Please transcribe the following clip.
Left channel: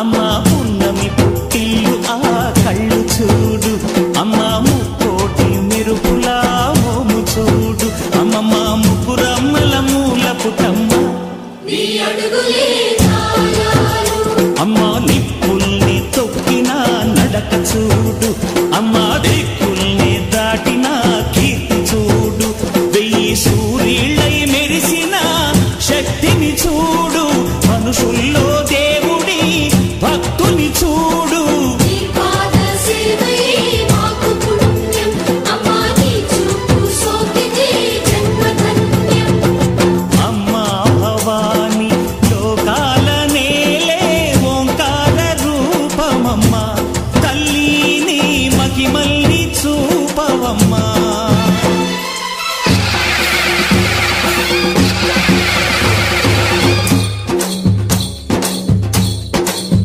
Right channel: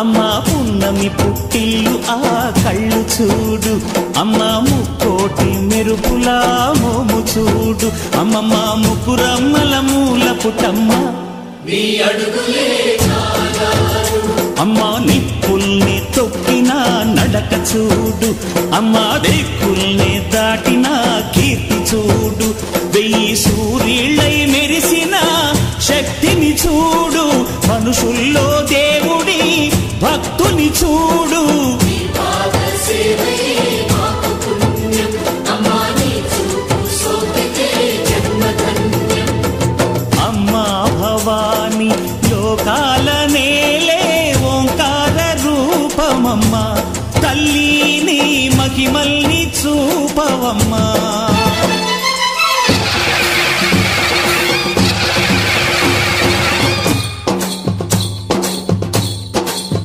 అమ్మా పున్నమి పుట్టిల్లు ఆ కళ్ళు చూడు, అమ్మా ముక్కోటి మెరుపులా మోము చూడు, అమ్మమ్మ ముగ్గురమ్మల మూల పుటమ్మ అమ్మా నిప్పుల్ని తొక్కిన నడక చూడు, అమ్మా దిక్కుల్ని దాటిన కీర్తి చూడు, 1000 సూర్యుళ్ళై మెరిసిన శక్తిని చూడు, మనుషుల్లో దేవుడి భక్తుని చూడు. అమ్మా భవాని లోకాల నేలే ఓంకార రూపమమ్మా, తల్లిని మహిమల్ని చూపవమ్మా.